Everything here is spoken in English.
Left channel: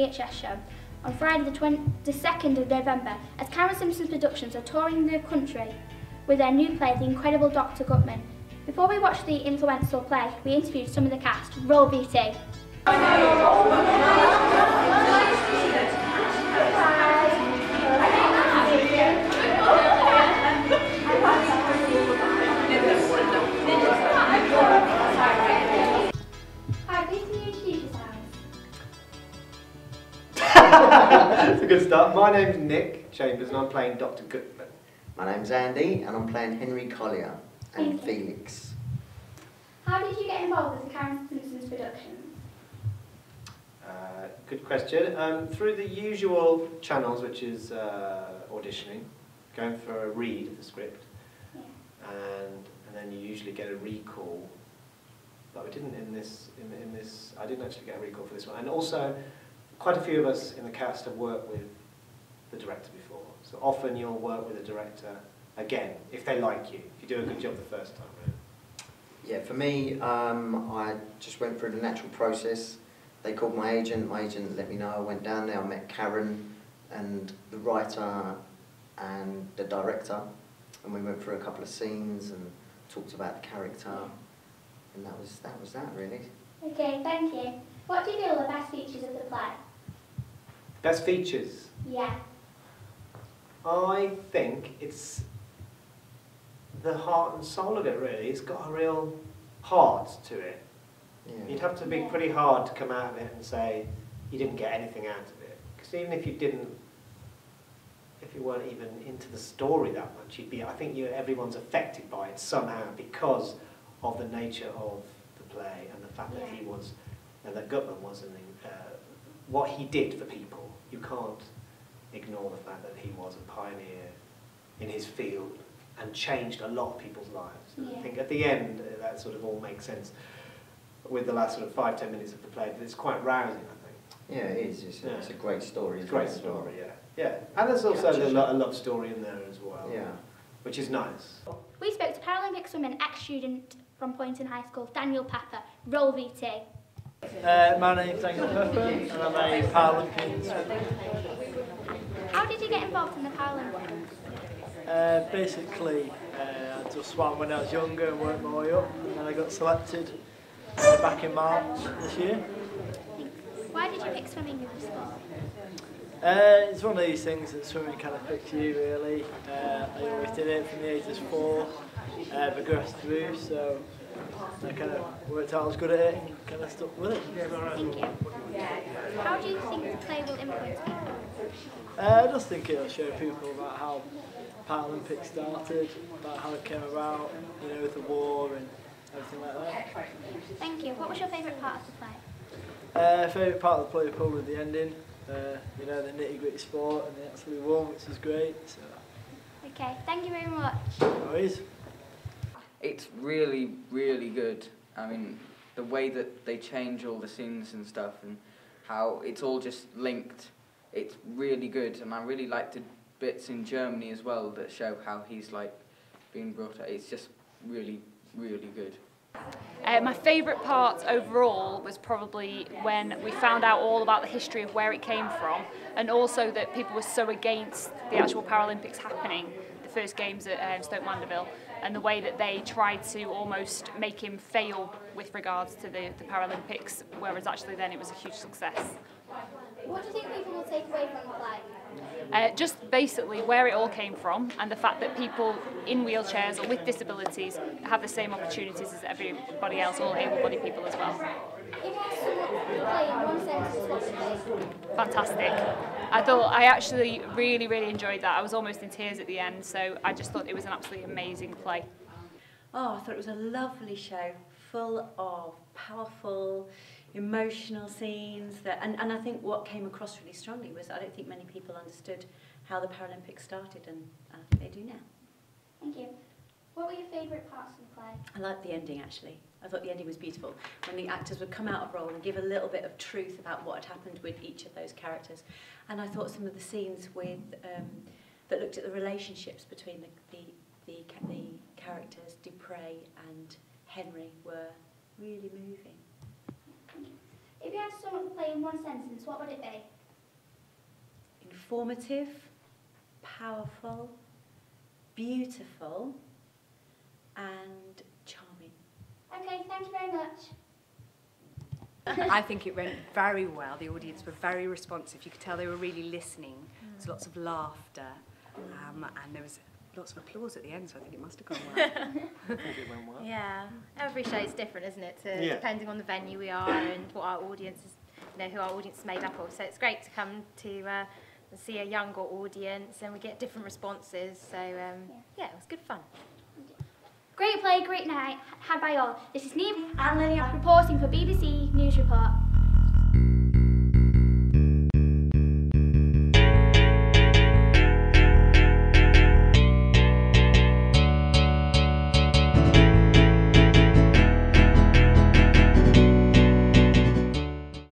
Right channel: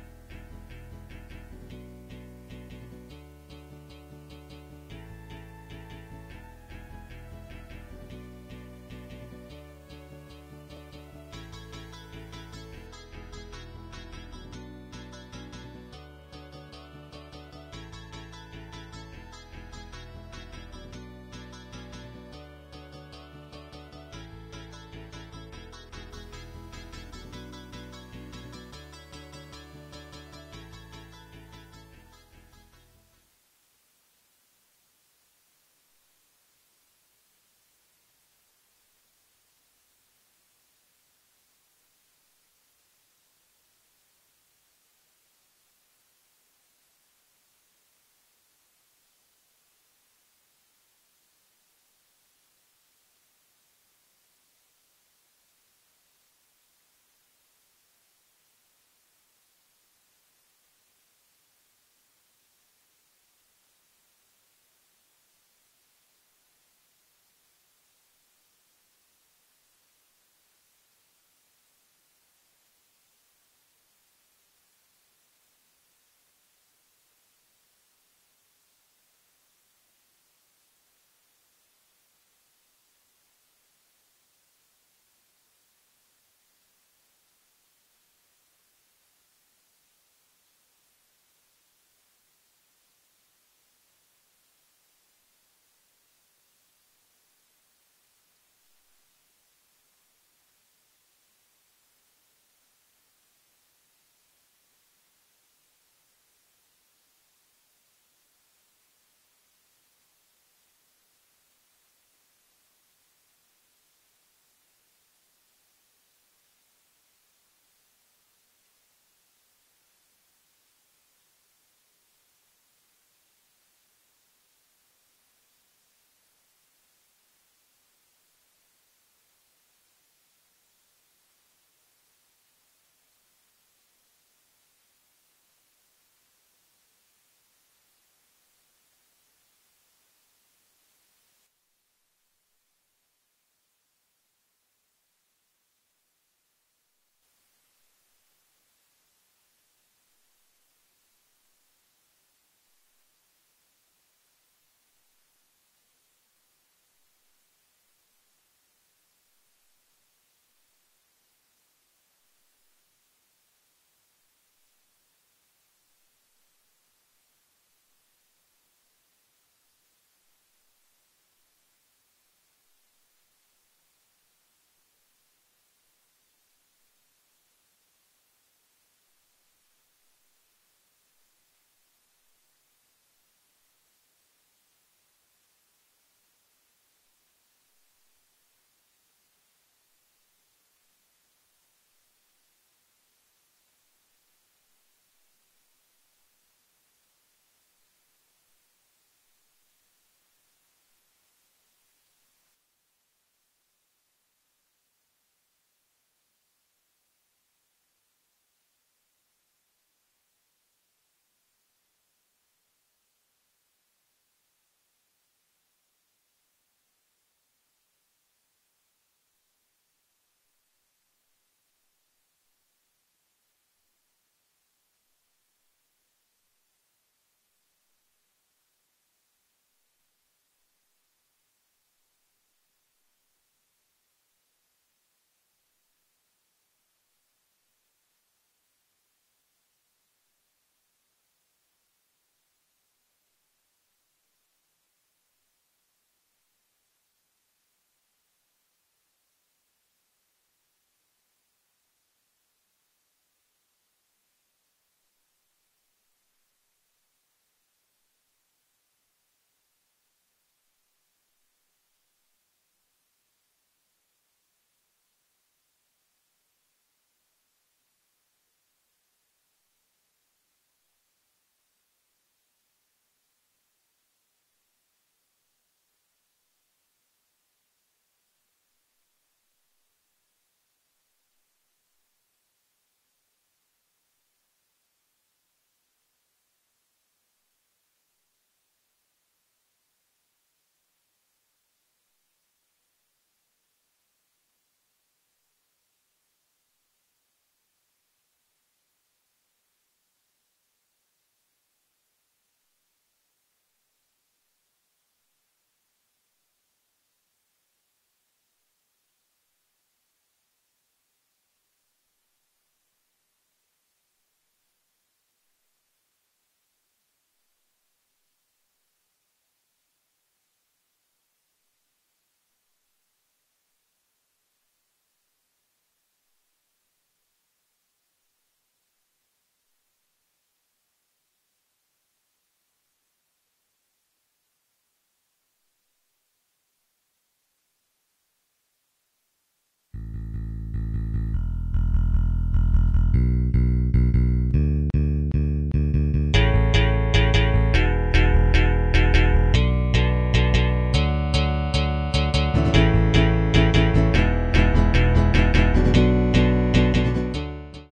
PHS show on Friday the 2nd of November, as Karen Simpson's Productions are touring the country with their new play, The Incredible Doctor Guttmann. Before we watch the influential play, we interviewed some of the cast. Roll VT. That's a good start. My name's Nick Chambers and I'm playing Dr. Guttmann. My name's Andy and I'm playing Henry Collier and Felix. How did you get involved with the Karen Simpson's Productions? Good question. Through the usual channels, which is auditioning, going for a read of the script, and then you usually get a recall. But we didn't in this. I didn't actually get a recall for this one. And also, quite a few of us in the cast have worked with the director before. So often you'll work with a director again if they like you. If you do a good job the first time. Right? Yeah, for me, I just went through the natural process. They called my agent let me know. I went down there, I met Karen and the writer and the director, and we went through a couple of scenes and talked about the character, and that was that really. Okay, thank you. What do you feel are the best features of the play? Best features? Yeah. I think it's the heart and soul of it really. It's got a real heart to it. Yeah. You'd have to be pretty hard to come out of it and say you didn't get anything out of it. Because even if you didn't, if you weren't even into the story that much, you'd be. I think everyone's affected by it somehow because of the nature of the play and the fact that he was, and that Guttmann was, what he did for people. You can't ignore the fact that he was a pioneer in his field and changed a lot of people's lives. And I think at the end that sort of all makes sense with the last sort of 5-10 minutes of the play, but it's quite rousing, I think. Yeah, it is. It's a great story. It's a great story, yeah. And there's also a love story in there as well, which is nice. We spoke to Paralympic swimming ex-student from Poynton High School, Daniel Pepper. Roll VT. My name's Daniel Pepper and I'm a Paralympian swimmer. How did you get involved in the Paralympics? Basically, I just swam when I was younger and worked my way up, and then I got selected back in March this year. Why did you pick swimming as a sport? It's one of these things that swimming kind of picks you really. I always did it from the age of 4, progressed through, so I kind of worked out I was good at it and kind of stuck with it. Thank you. How do you think the play will influence people? I just think it'll show people about how Paralympics started, about how it came about, you know, with the war and everything like that. Thank you. What was your favourite part of the play? Favourite part of the play was probably the ending. You know, the nitty-gritty sport, and they actually won, which is great. So. Okay, thank you very much. No worries. It's really, really good. I mean, the way that they change all the scenes and stuff, and how it's all just linked. It's really good, and I really like the bits in Germany as well that show how he's like being brought up. It's just really, really good. My favourite part overall was probably when we found out all about the history of where it came from, and also that people were so against the actual Paralympics happening, the first games at Stoke Mandeville, and the way that they tried to almost make him fail with regards to the Paralympics, whereas actually then it was a huge success. What do you think people will take away from the play? Just basically where it all came from, and the fact that people in wheelchairs or with disabilities have the same opportunities as everybody else, all able-bodied people as well. If you had to sum up the play in one sentence, what would it be? Fantastic. I actually really, really enjoyed that. I was almost in tears at the end, so I just thought it was an absolutely amazing play. Oh, I thought it was a lovely show, full of powerful, emotional scenes, and I think what came across really strongly was I don't think many people understood how the Paralympics started, and I think they do now. Thank you. What were your favourite parts of the play? I liked the ending actually. I thought the ending was beautiful, when the actors would come out of role and give a little bit of truth about what had happened with each of those characters. And I thought some of the scenes with that looked at the relationships between the characters, Dupre and Henry, were really moving. If If you had to sum up the play in one sentence, what would it be? Informative, powerful, beautiful, and charming. Okay, thank you very much. I think it went very well. The audience were very responsive. You could tell they were really listening. There was lots of laughter, and there was lots of applause at the end, so I think it must have gone well. I think it went well. Yeah, every show is different, isn't it? Yeah. Depending on the venue we are and what our audience is, who our audience is made up of. So it's great to come to see a younger audience, and we get different responses. So yeah, it was good fun. Great play, great night had by all. This is Neve and Lillian reporting for BBC.